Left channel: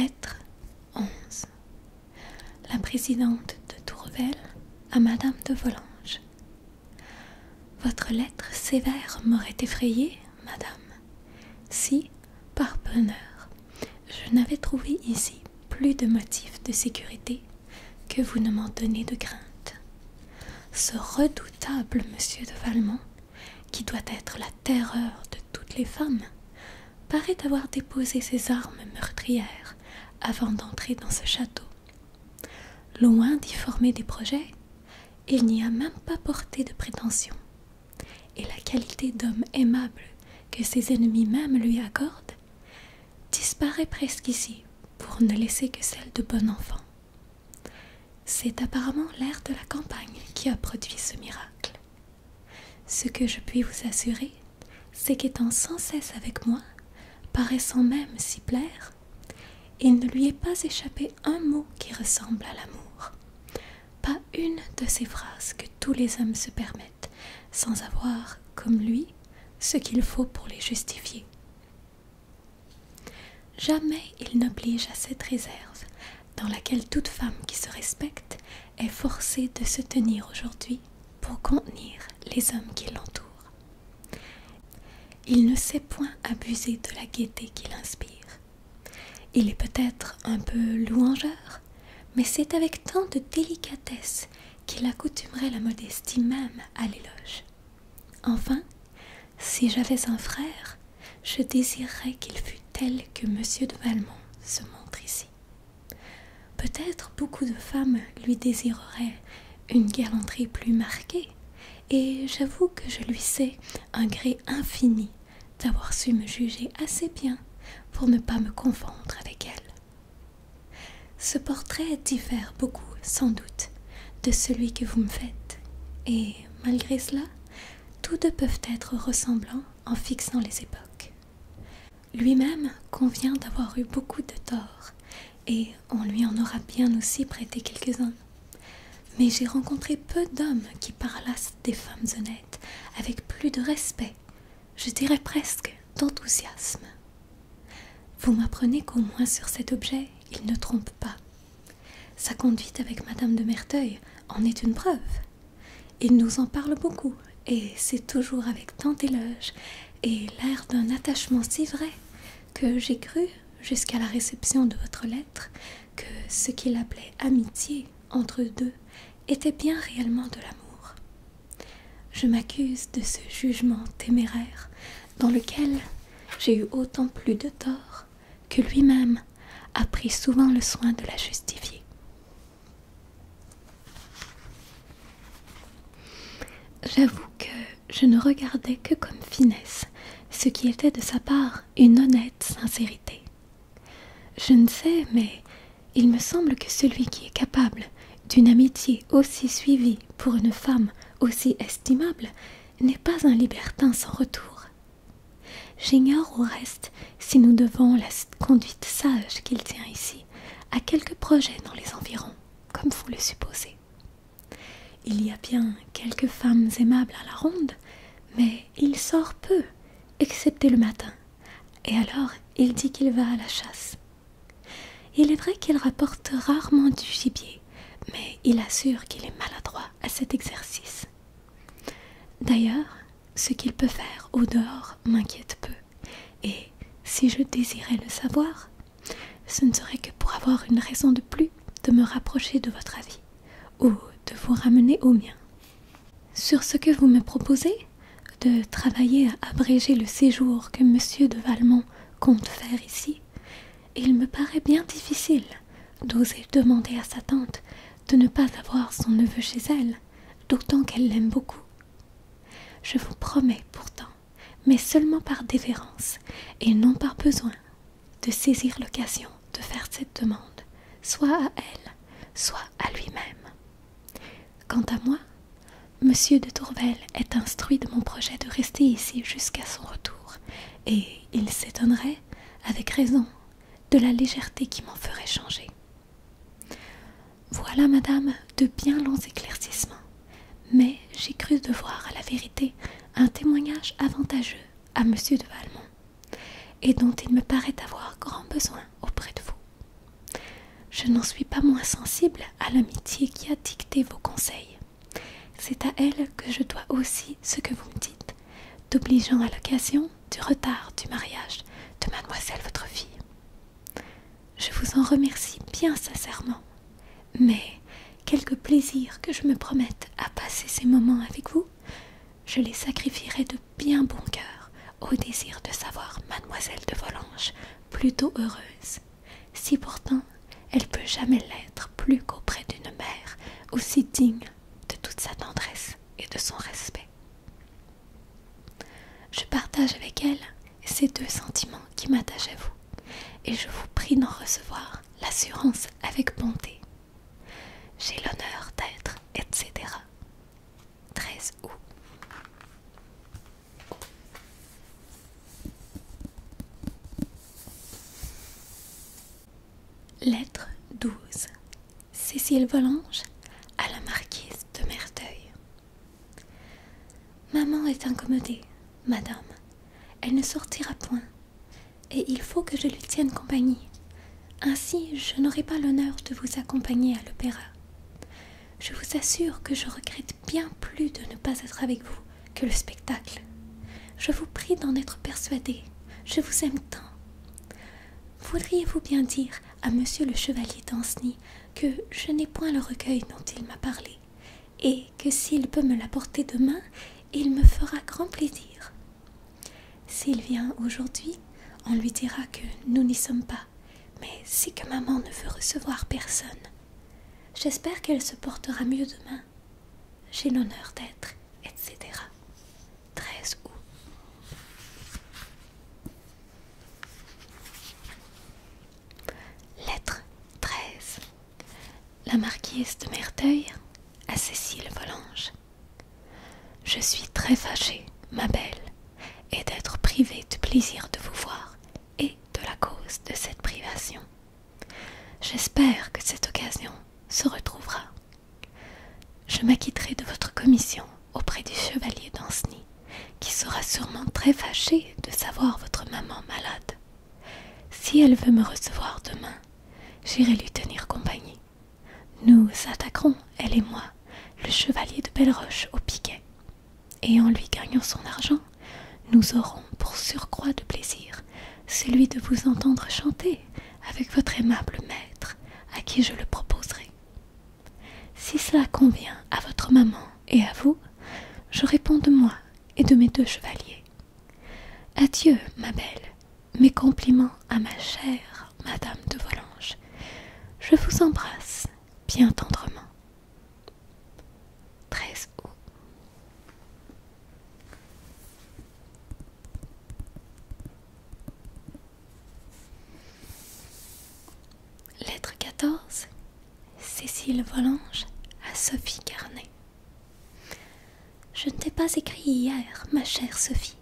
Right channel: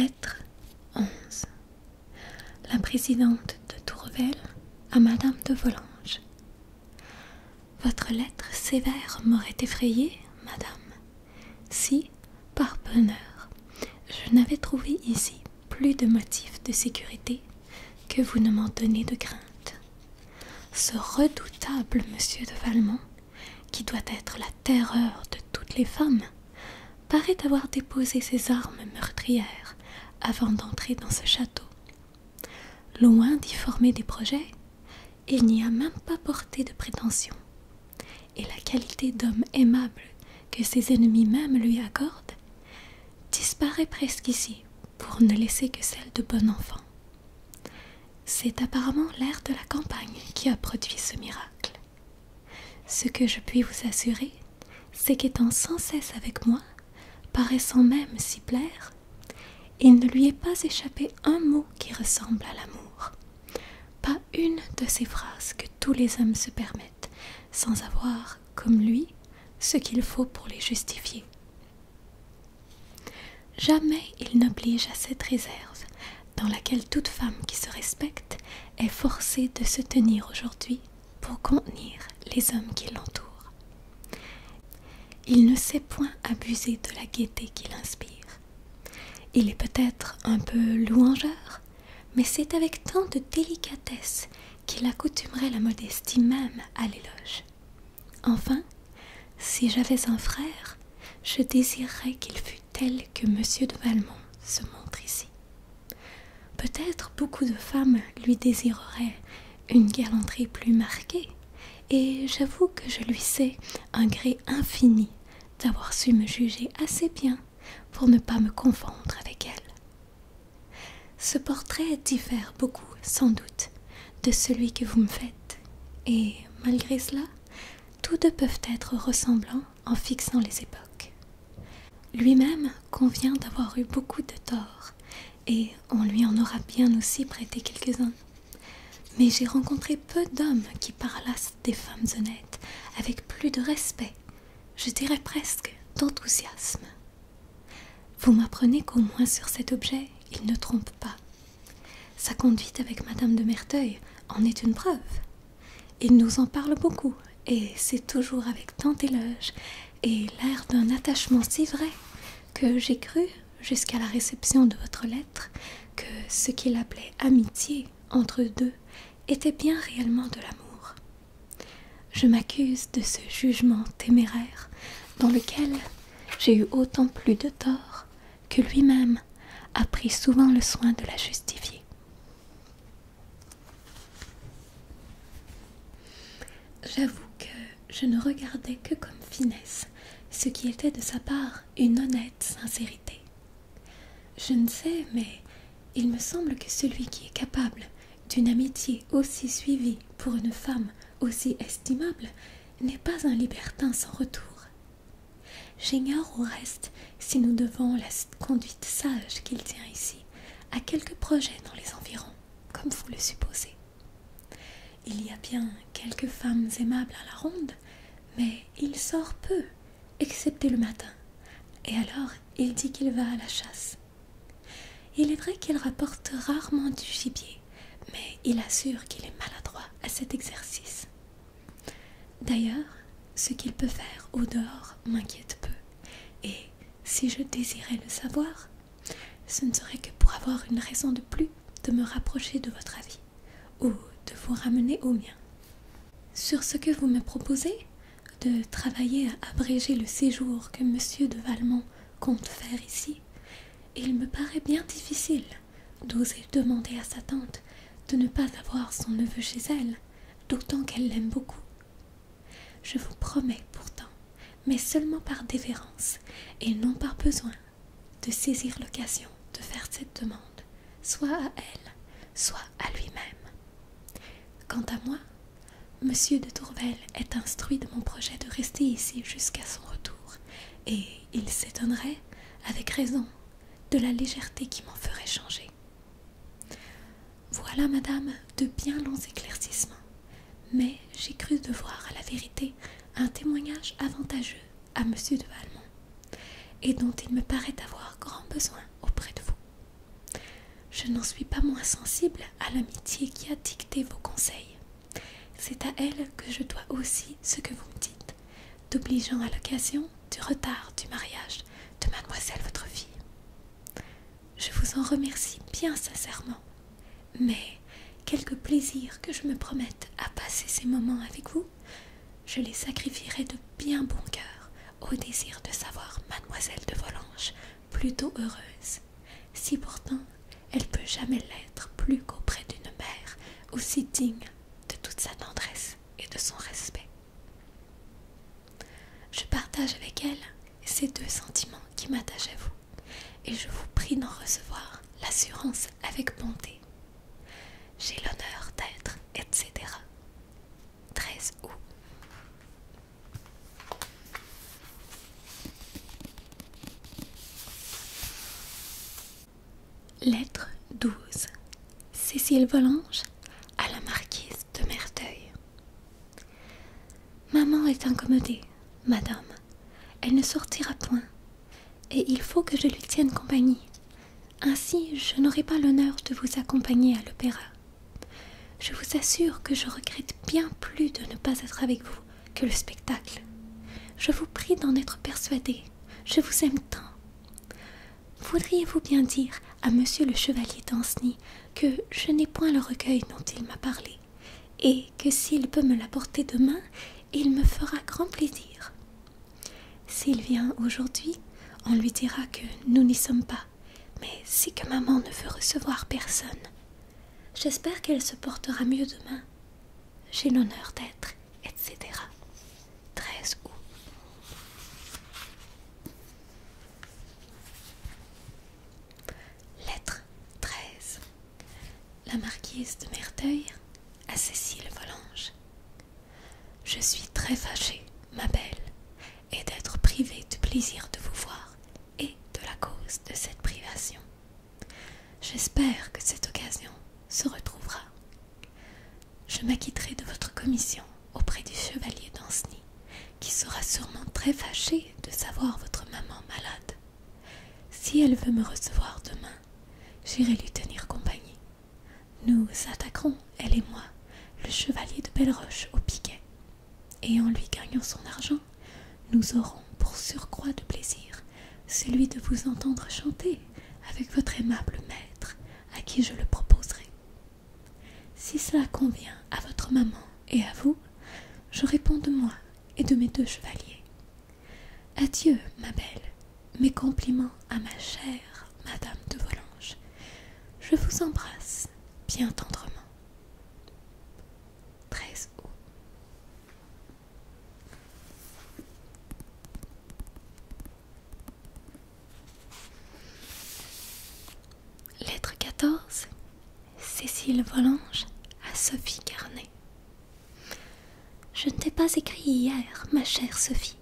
Lettre 11. La présidente de Tourvel à Madame de Volanges. Votre lettre sévère m'aurait effrayée, madame, si, par bonheur, je n'avais trouvé ici plus de motifs de sécurité que vous ne m'en donnez de crainte. Ce redoutable monsieur de Valmont, qui doit être la terreur de toutes les femmes, paraît avoir déposé ses armes meurtrières avant d'entrer dans ce château. Loin d'y former des projets, il n'y a même pas porté de prétention, et la qualité d'homme aimable que ses ennemis même lui accordent disparaît presque ici pour ne laisser que celle de bon enfant. C'est apparemment l'air de la campagne qui a produit ce miracle. Ce que je puis vous assurer, c'est qu'étant sans cesse avec moi, paraissant même s'y plaire, il ne lui est pas échappé un mot qui ressemble à l'amour, pas une de ces phrases que tous les hommes se permettent, sans avoir, comme lui, ce qu'il faut pour les justifier. Jamais il n'oblige à cette réserve, dans laquelle toute femme qui se respecte est forcée de se tenir aujourd'hui pour contenir les hommes qui l'entourent. Il ne sait point abuser de la gaieté qu'il inspire. Il est peut-être un peu louangeur, mais c'est avec tant de délicatesse qu'il accoutumerait la modestie même à l'éloge. Enfin, si j'avais un frère, je désirerais qu'il fût tel que monsieur de Valmont se montre ici. Peut-être beaucoup de femmes lui désireraient une galanterie plus marquée, et j'avoue que je lui sais un gré infini d'avoir su me juger assez bien pour ne pas me confondre avec elle. Ce portrait diffère beaucoup, sans doute, de celui que vous me faites, et malgré cela, tous deux peuvent être ressemblants en fixant les époques. Lui-même convient d'avoir eu beaucoup de torts, et on lui en aura bien aussi prêté quelques-uns. Mais j'ai rencontré peu d'hommes qui parlassent des femmes honnêtes avec plus de respect, je dirais presque d'enthousiasme. Vous m'apprenez qu'au moins sur cet objet, il ne trompe pas. Sa conduite avec Madame de Merteuil en est une preuve. Il nous en parle beaucoup, et c'est toujours avec tant d'éloge et l'air d'un attachement si vrai que j'ai cru, jusqu'à la réception de votre lettre, que ce qu'il appelait amitié entre eux deux était bien réellement de l'amour. Je m'accuse de ce jugement téméraire dans lequel j'ai eu autant plus de tort que lui-même a pris souvent le soin de la justifier. J'avoue que je ne regardais que comme finesse ce qui était de sa part une honnête sincérité. Je ne sais, mais il me semble que celui qui est capable d'une amitié aussi suivie pour une femme aussi estimable n'est pas un libertin sans retour. J'ignore au reste si nous devons la conduite sage qu'il tient ici à quelques projets dans les environs, comme vous le supposez. Il y a bien quelques femmes aimables à la ronde, mais il sort peu, excepté le matin, et alors il dit qu'il va à la chasse. Il est vrai qu'il rapporte rarement du gibier, mais il assure qu'il est maladroit à cet exercice. D'ailleurs, ce qu'il peut faire au dehors m'inquiète peu, et si je désirais le savoir, ce ne serait que pour avoir une raison de plus de me rapprocher de votre avis, ou de vous ramener au mien. Sur ce que vous me proposez, de travailler à abréger le séjour que monsieur de Valmont compte faire ici, il me paraît bien difficile d'oser demander à sa tante de ne pas avoir son neveu chez elle, d'autant qu'elle l'aime beaucoup. Je vous promets pourtant, mais seulement par déférence et non par besoin, de saisir l'occasion de faire cette demande, soit à elle, soit à lui-même. Quant à moi, monsieur de Tourvel est instruit de mon projet de rester ici jusqu'à son retour, et il s'étonnerait, avec raison, de la légèreté qui m'en ferait changer. Voilà, madame, de bien longs éclaircissements, mais j'ai cru devoir à la vérité un témoignage avantageux à monsieur de Valmont, et dont il me paraît avoir grand besoin auprès de vous. je n'en suis pas moins sensible à l'amitié qui a dicté vos conseils. C'est à elle que je dois aussi ce que vous me dites, d'obligeant à l'occasion du retard du mariage de mademoiselle votre fille. Je vous en remercie bien sincèrement, mais quelque plaisir que je me promette à passer ces moments avec vous, je les sacrifierai de bien bon cœur au désir de savoir mademoiselle de Volanges plutôt heureuse, si pourtant elle peut jamais l'être plus qu'auprès d'une mère aussi digne de toute sa tendresse et de son respect. Je partage avec elle ces deux sentiments qui m'attachent à vous, et je vous prie d'en recevoir l'assurance avec bonté. J'ai l'honneur d'être, etc. 13 août. Lettre 12. Cécile Volanges à la marquise de Merteuil. Maman est incommodée, madame. Elle ne sortira point, et il faut que je lui tienne compagnie. Ainsi, je n'aurai pas l'honneur de vous accompagner à l'opéra. Je vous assure que je regrette bien plus de ne pas être avec vous que le spectacle. Je vous prie d'en être persuadé. Je vous aime tant. Voudriez-vous bien dire à monsieur le chevalier d'Ancenis que je n'ai point le recueil dont il m'a parlé, et que s'il peut me l'apporter demain, il me fera grand plaisir. S'il vient aujourd'hui, on lui dira que nous n'y sommes pas, mais c'est que maman ne veut recevoir personne. J'espère qu'elle se portera mieux demain. J'ai l'honneur d'être, etc. 13 août. Lettre 13. La marquise de Merteuil à Cécile Volanges. Je suis très fâchée, ma belle, et d'être privée du plaisir de vous voir et de la cause de cette privation. J'espère que cette occasion se retrouvera. Je m'acquitterai de votre commission auprès du chevalier d'Ancenis, qui sera sûrement très fâché de savoir votre maman malade. Si elle veut me recevoir demain, j'irai lui tenir compagnie. Nous attaquerons, elle et moi, le chevalier de Belleroche au piquet, et en lui gagnant son argent, nous aurons pour surcroît de plaisir celui de vous entendre chanter avec votre aimable maître, à qui je le proposerai. Si cela convient à votre maman et à vous, je réponds de moi et de mes deux chevaliers. Adieu, ma belle, mes compliments à ma chère Madame de Volanges. Je vous embrasse bien tendrement. 13 août. Lettre 14. Cécile Volanges à Sophie Carnet. Je ne t'ai pas écrit hier, ma chère Sophie,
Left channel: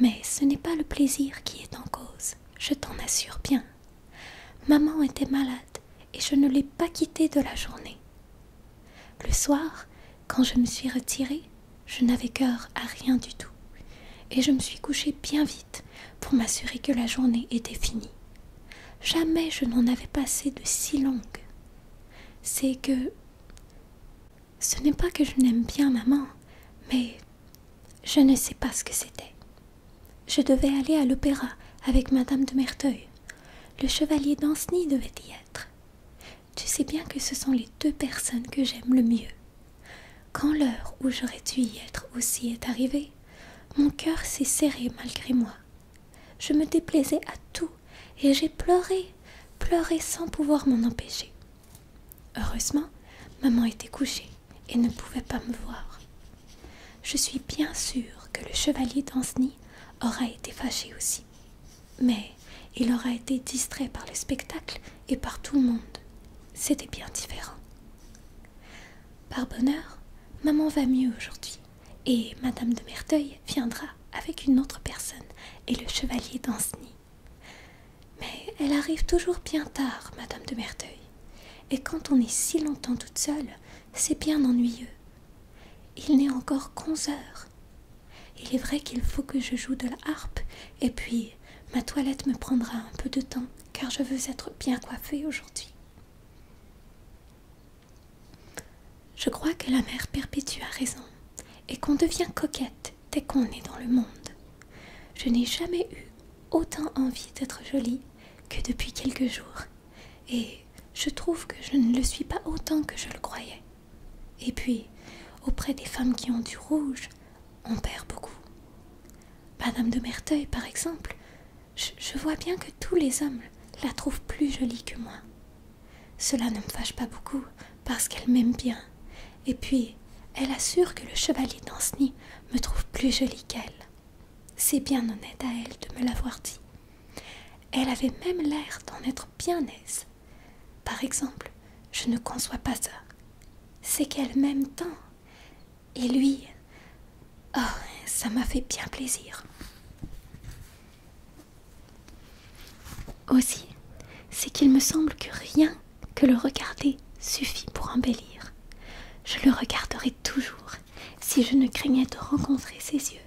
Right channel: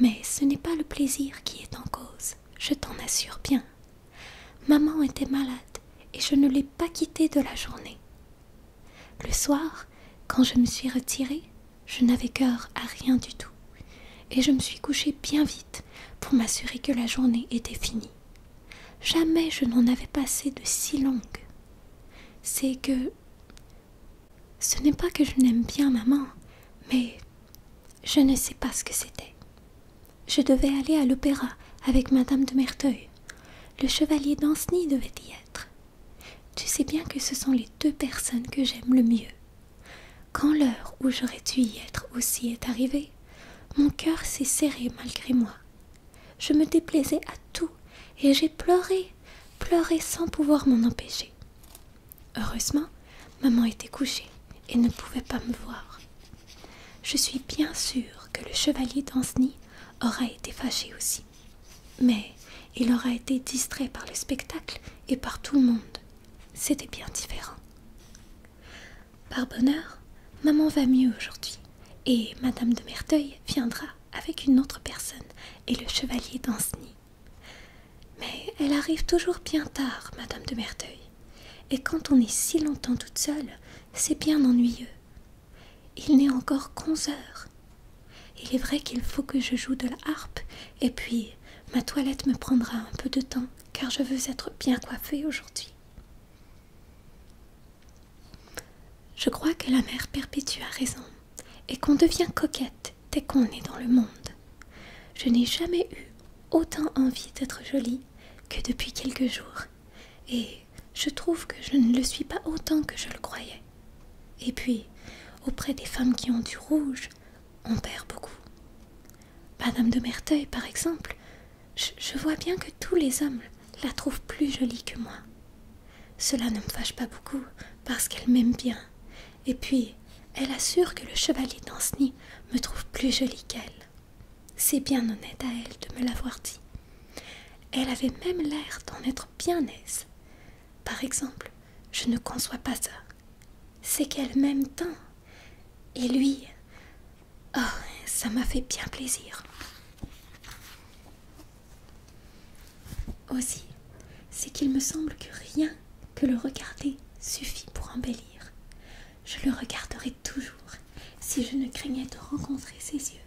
mais ce n'est pas le plaisir qui est en cause, je t'en assure bien. Maman était malade et je ne l'ai pas quittée de la journée. Le soir, quand je me suis retirée, je n'avais cœur à rien du tout, et je me suis couchée bien vite pour m'assurer que la journée était finie. Jamais je n'en avais passé de si longue. C'est que... Ce n'est pas que je n'aime bien maman, mais je ne sais pas ce que c'était. Je devais aller à l'opéra avec Madame de Merteuil. Le chevalier d'Ancenis devait y être. Tu sais bien que ce sont les deux personnes que j'aime le mieux. Quand l'heure où j'aurais dû y être aussi est arrivée, mon cœur s'est serré malgré moi. Je me déplaisais à tout et j'ai pleuré sans pouvoir m'en empêcher. Heureusement, maman était couchée et ne pouvait pas me voir. Je suis bien sûre que le chevalier d'Ancenis aura été fâché aussi. Mais il aura été distrait par le spectacle et par tout le monde. C'était bien différent. Par bonheur, maman va mieux aujourd'hui, et Madame de Merteuil viendra avec une autre personne et le chevalier d'Ancenis. Mais elle arrive toujours bien tard, Madame de Merteuil, et quand on est si longtemps toute seule, c'est bien ennuyeux. Il n'est encore qu'11 heures. Il est vrai qu'il faut que je joue de la harpe, et puis ma toilette me prendra un peu de temps, car je veux être bien coiffée aujourd'hui. Je crois que la mère perpétue a raison, et qu'on devient coquette dès qu'on est dans le monde. Je n'ai jamais eu autant envie d'être jolie que depuis quelques jours, et je trouve que je ne le suis pas autant que je le croyais. Et puis, auprès des femmes qui ont du rouge, on perd beaucoup. Madame de Merteuil, par exemple, je vois bien que tous les hommes la trouvent plus jolie que moi. Cela ne me fâche pas beaucoup, parce qu'elle m'aime bien. Et puis, elle assure que le chevalier d'Ancenis me trouve plus jolie qu'elle. C'est bien honnête à elle de me l'avoir dit. Elle avait même l'air d'en être bien aise. Par exemple, je ne conçois pas ça. C'est qu'elle m'aime tant. Et lui, oh, ça m'a fait bien plaisir. Aussi, c'est qu'il me semble que rien que le regarder suffit pour embellir. Je le regarderai toujours si je ne craignais de rencontrer ses yeux,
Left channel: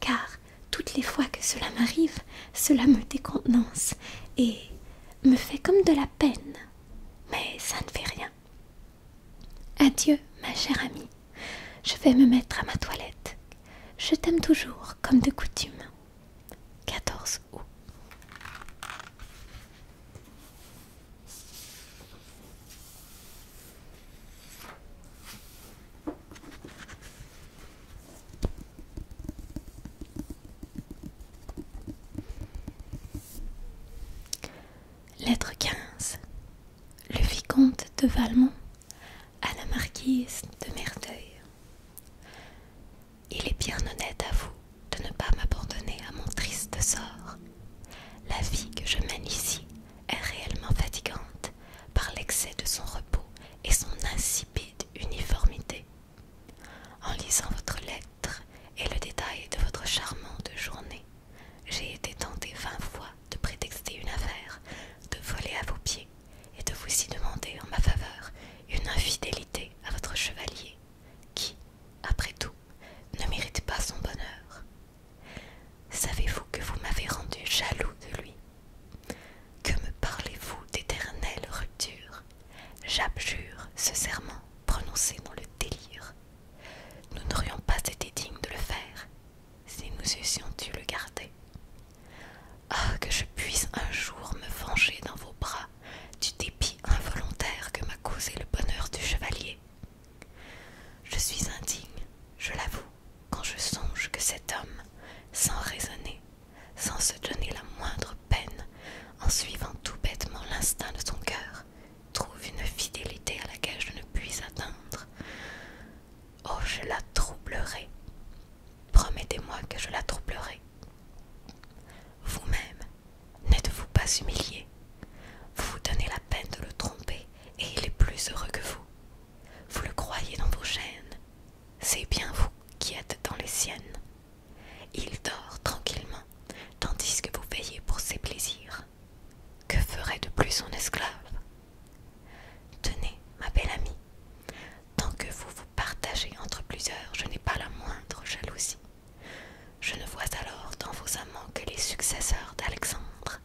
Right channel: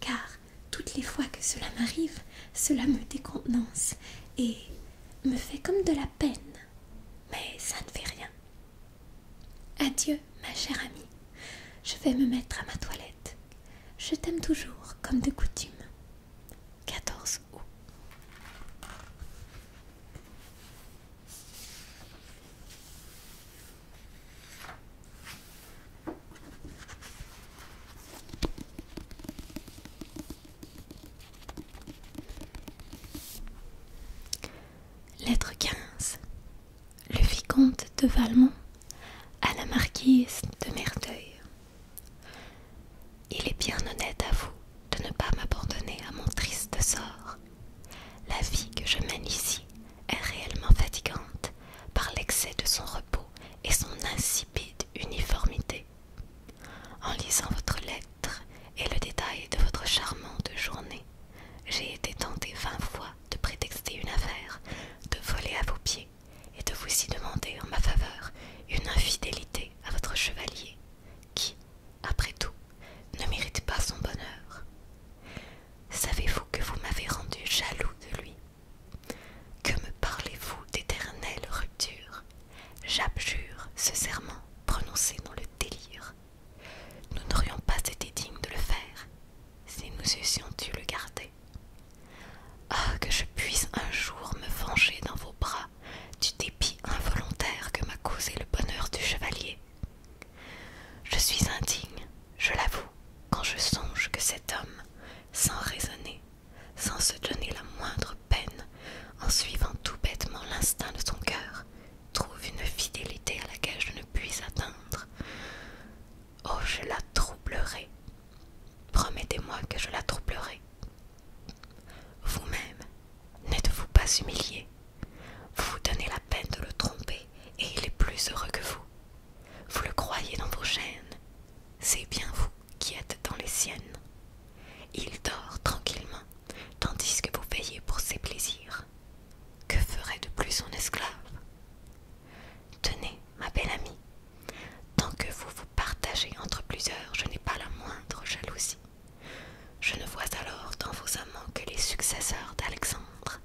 car toutes les fois que cela m'arrive, cela me décontenance et me fait comme de la peine, mais ça ne fait rien. Adieu, ma chère amie, je vais me mettre à ma toilette. Je t'aime toujours comme de coutume. 14 août. Lettre 15. Le vicomte de Valmont à la marquise de Merteuil. Il est bien honnête à vous de ne pas m'abandonner à mon triste sort. La vie que je mène ici est réellement fatigante par l'excès de son repos et son insipide uniformité. En lisant votre lettre et le détail de votre charmante journée, j'ai été tentée 20 fois de prétexter une affaire, de voler à vos pieds et de vous y demander en ma faveur une infidélité à votre chevalier, qui, après tout, ne mérite pas son bonheur. Savez-vous que vous m'avez rendu jaloux de lui? Que me parlez-vous d'éternelle rupture? J'abjure ce serment prononcé dans le délire. Nous n'aurions pas été dignes de le faire si nous eussions dû le garder. Ah, que je puisse un jour me venger dans vos bras du dépit involontaire que m'a causé le bonheur du chevalier. Je suis indigne, je l'avoue, quand je songe que cet homme, sans raisonner, sans se donner la moindre peine, en suivant tout bêtement l'instinct de son cœur, trouve une fidélité à laquelle je ne puis atteindre. Oh, je la troublerai. Promettez-moi que je la troublerai. Vous-même, n'êtes-vous pas humilié? Vous vous donnez la peine de le tromper et il est plus heureux que vous. Vous le croyez dans vos chaînes. C'est bien vous qui êtes dans les siennes. Il dort tranquillement, tandis que vous veillez pour ses plaisirs. Que ferait de plus son esclave? Tenez, ma belle amie, tant que vous vous partagez entre plusieurs, je n'ai pas la moindre jalousie. Je ne vois alors dans vos amants que les successeurs d'Alexandre,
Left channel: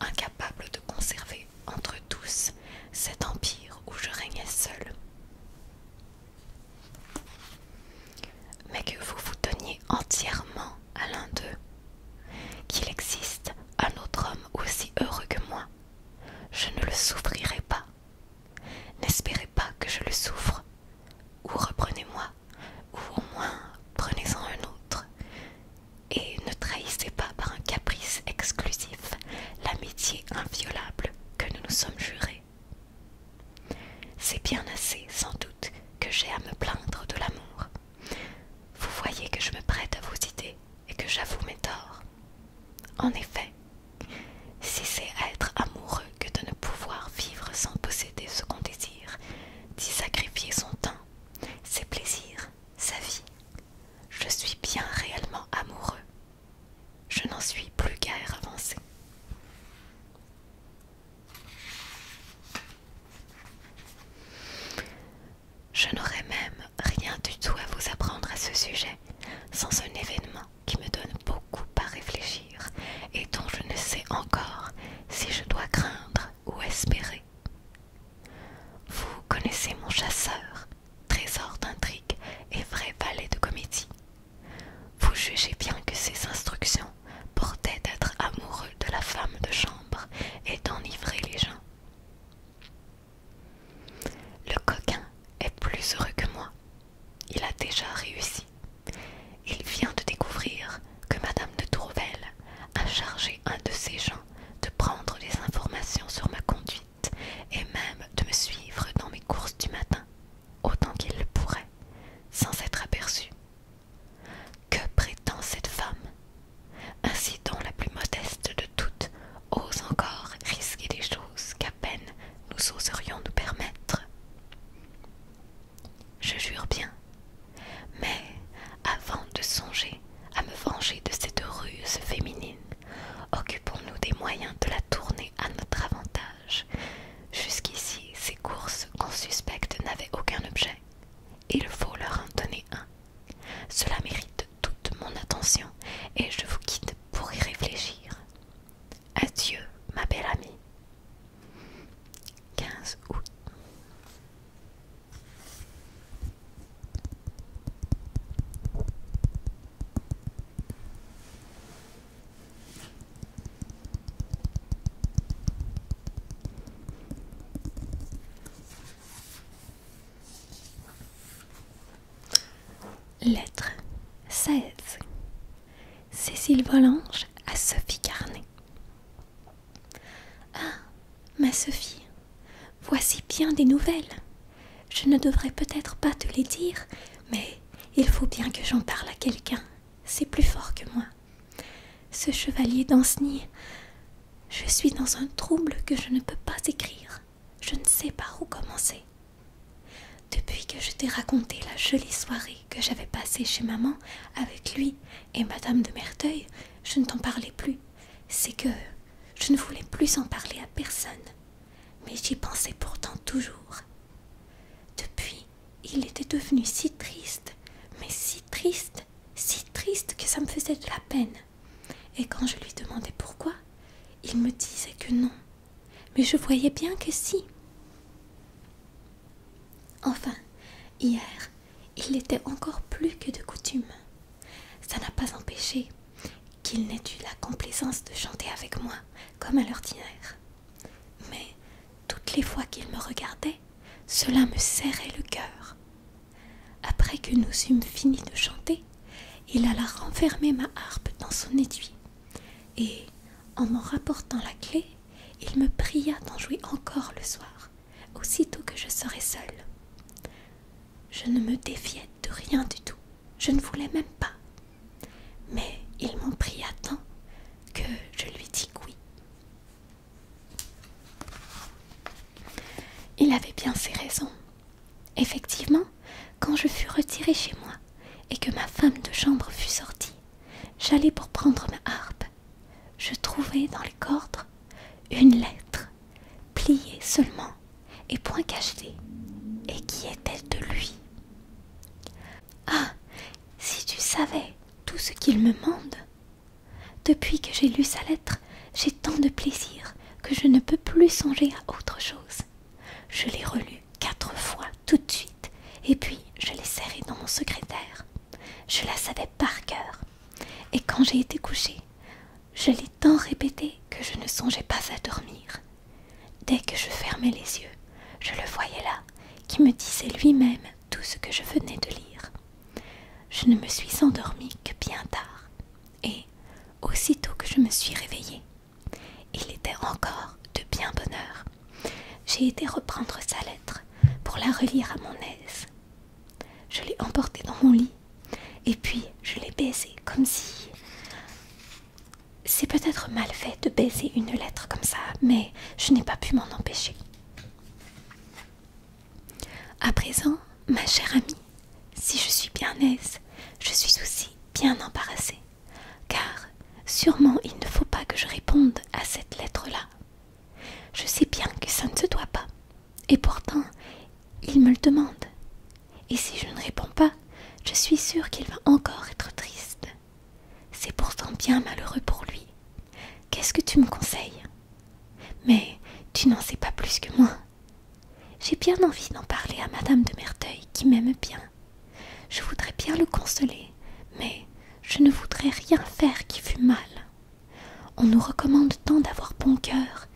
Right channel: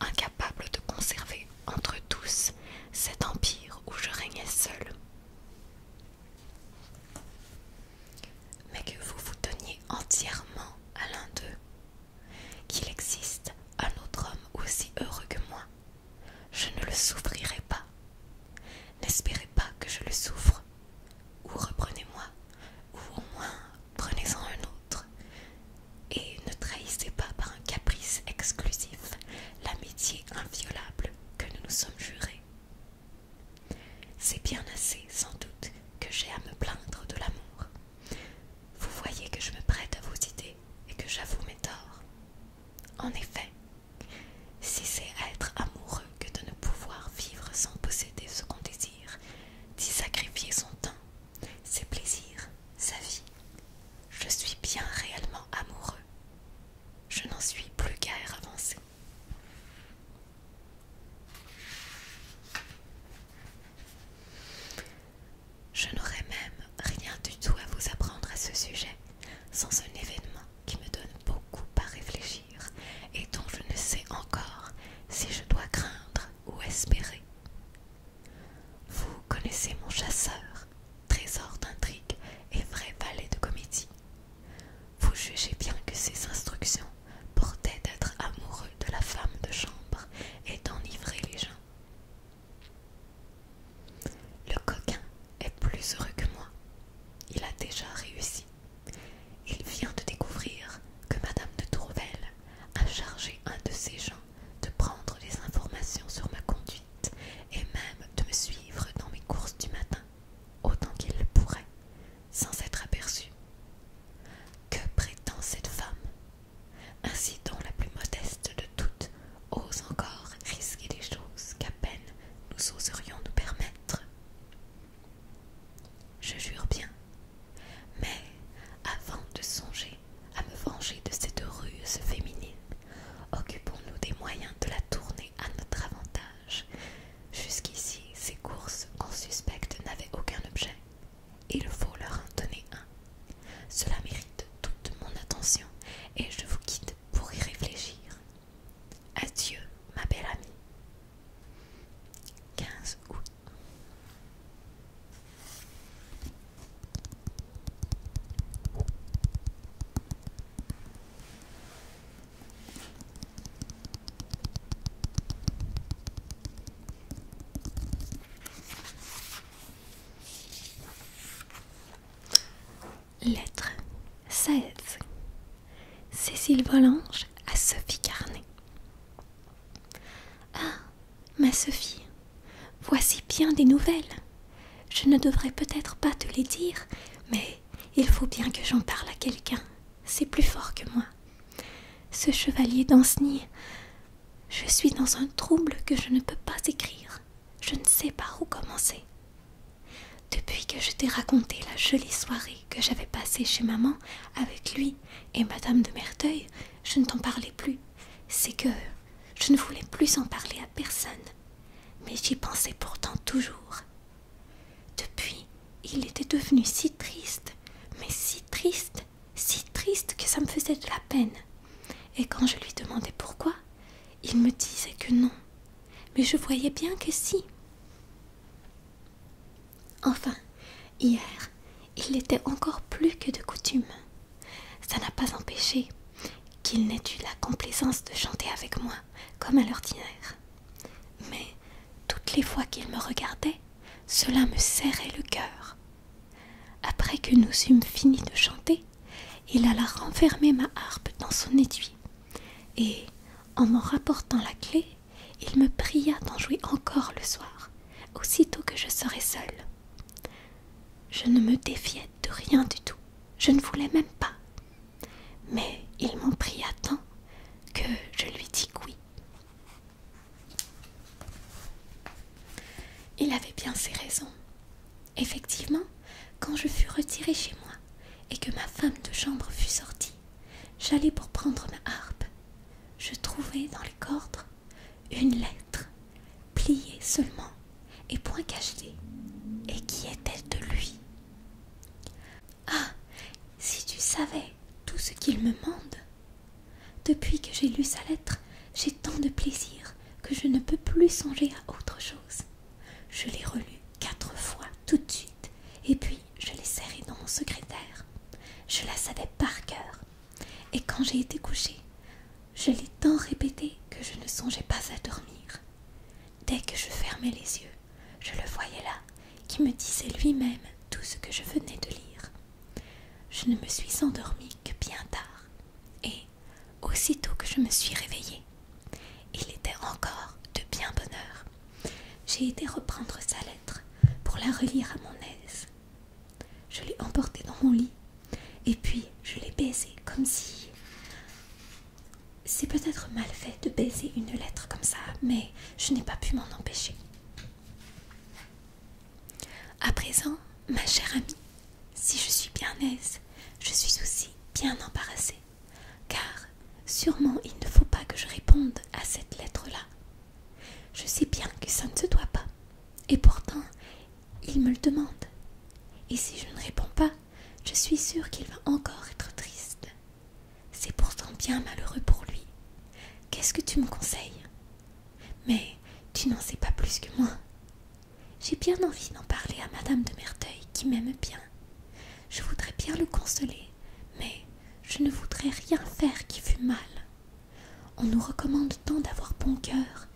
incapables de Mille Volanges à Sophie Carnet. Ah, ma Sophie, voici bien des nouvelles. Je ne devrais peut-être pas te les dire, mais il faut bien que j'en parle à quelqu'un. C'est plus fort que moi. Ce chevalier d'Anceny, je suis dans un trouble que je ne peux pas écrire. Je ne sais par où commencer. Depuis que je t'ai raconté la jolie soirée que j'avais passée chez maman avec lui et Madame de Merteuil, je ne t'en parlais plus. C'est que je ne voulais plus en parler à personne. Mais j'y pensais pourtant toujours. Depuis, il était devenu si triste, mais si triste que ça me faisait de la peine. Et quand je lui demandais pourquoi, il me disait que non. Mais je voyais bien que si. Enfin, hier, il l'était encore plus que de coutume. Ça n'a pas empêché qu'il n'ait eu la complaisance de chanter avec moi, comme à l'ordinaire. Mais toutes les fois qu'il me regardait, cela me serrait le cœur. Après que nous eûmes fini de chanter, il alla renfermer ma harpe dans son étui, et, en m'en rapportant la clé, il me pria d'en jouer encore le soir, aussitôt que je serais seule. Je ne me défiais de rien du tout, je ne voulais même pas. Mais il m'en pria tant que je lui dis que oui. Il avait bien ses raisons. Effectivement, quand je fus retirée chez moi et que ma femme de chambre fut sortie, j'allai pour prendre ma harpe. Je trouvai dans les cordes une lettre, pliée seulement et point cachetée, et qui était de lui. Ah, si tu savais tout ce qu'il me mande. Depuis que j'ai lu sa lettre, j'ai tant de plaisir que je ne peux plus songer à autre chose. Je l'ai relue 4 fois tout de suite, et puis je l'ai serrée dans mon secrétaire. Je la savais par cœur, et quand j'ai été couchée, je l'ai tant répétée que je ne songeais pas à dormir. Dès que je fermais les yeux, je le voyais là, qui me disait lui-même tout ce que je venais de lire. Je ne me suis endormie que bien tard, et aussitôt que je me suis réveillée, il était encore de bien bonne heure. J'ai été reprendre sa lettre pour la relire à mon aise. Je l'ai emportée dans mon lit, et puis je l'ai baisée comme si... C'est peut-être mal fait de baiser une lettre comme ça, mais je n'ai pas pu m'en empêcher. À présent, ma chère amie, si je suis bien aise, je suis aussi bien embarrassée, car sûrement il ne faut pas que je réponde à cette lettre-là. Je sais bien que ça ne se doit pas, et pourtant, il me le demande. Et si je ne réponds pas, je suis sûre qu'il va encore être triste. C'est pourtant bien malheureux pour lui. Qu'est-ce que tu me conseilles? Mais tu n'en sais pas plus que moi. J'ai bien envie d'en parler à Madame de Merteuil, qui m'aime bien. Je voudrais bien le consoler, mais je ne voudrais rien faire qui fût mal. On nous recommande tant d'avoir bon cœur,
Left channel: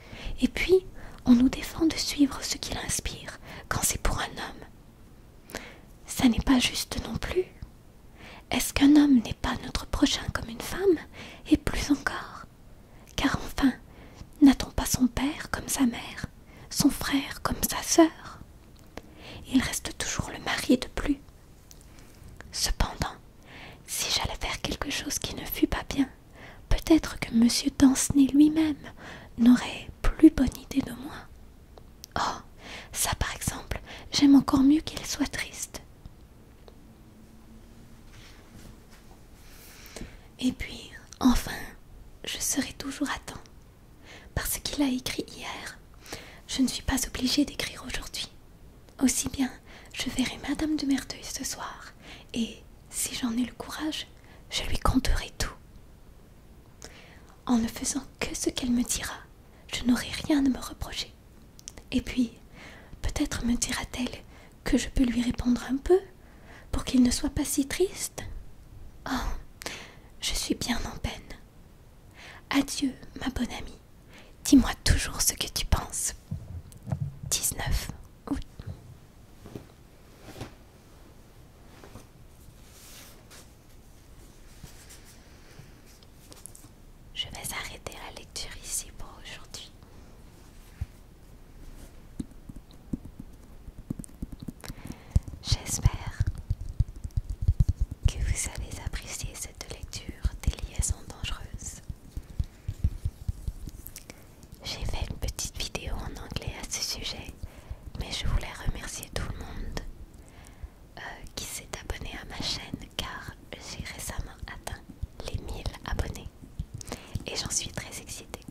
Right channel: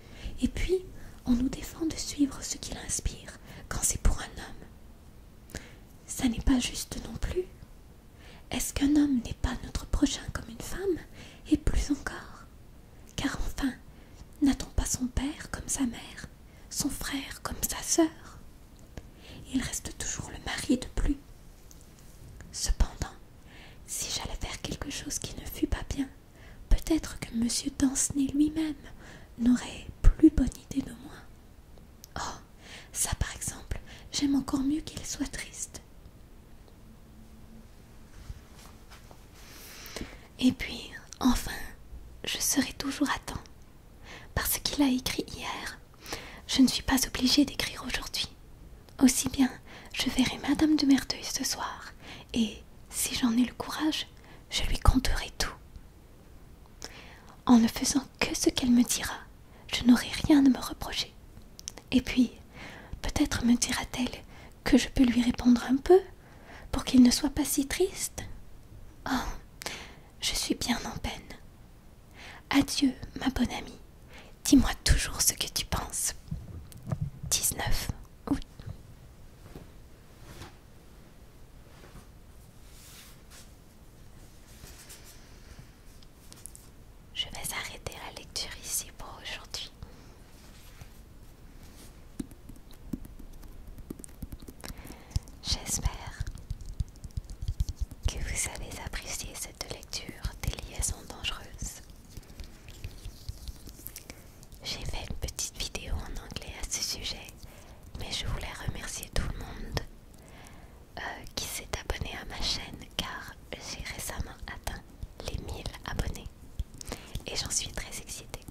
et puis on nous défend de suivre ce qu'il inspire quand c'est pour un homme. Ça n'est pas juste non plus. Est-ce qu'un homme n'est pas notre prochain comme une femme, et plus encore? Car enfin, n'a-t-on pas son père comme sa mère, son frère comme sa sœur? Il reste toujours le mari de plus. Cependant, si j'allais faire quelque chose qui ne fût pas bien, peut-être que M. Danceny lui-même n'aurait plus bonne idée de moi. Oh, ça par exemple, j'aime encore mieux qu'il soit triste. Et puis, enfin, je serai toujours à temps. Parce qu'il a écrit hier, je ne suis pas obligée d'écrire aujourd'hui. Aussi bien, je verrai Madame de Merteuil ce soir, et, si j'en ai le courage, je lui conterai tout. En ne faisant que ce qu'elle me dira, je n'aurai rien à me reprocher. Et puis, peut-être me dira-t-elle que je peux lui répondre un peu, pour qu'il ne soit pas si triste. Oh, je suis bien en peine. Adieu, ma bonne amie. Dis-moi toujours ce que tu penses. 19 août. ceci pour aujourd'hui. J'espère que vous avez apprécié cette lecture des liaisons dangereuses. J'ai fait une petite vidéo en anglais à ce sujet, mais je voulais remercier tout le monde qui s'est abonné à ma chaîne car j'ai récemment atteint les 1000 abonnés et j'en suis très excitée.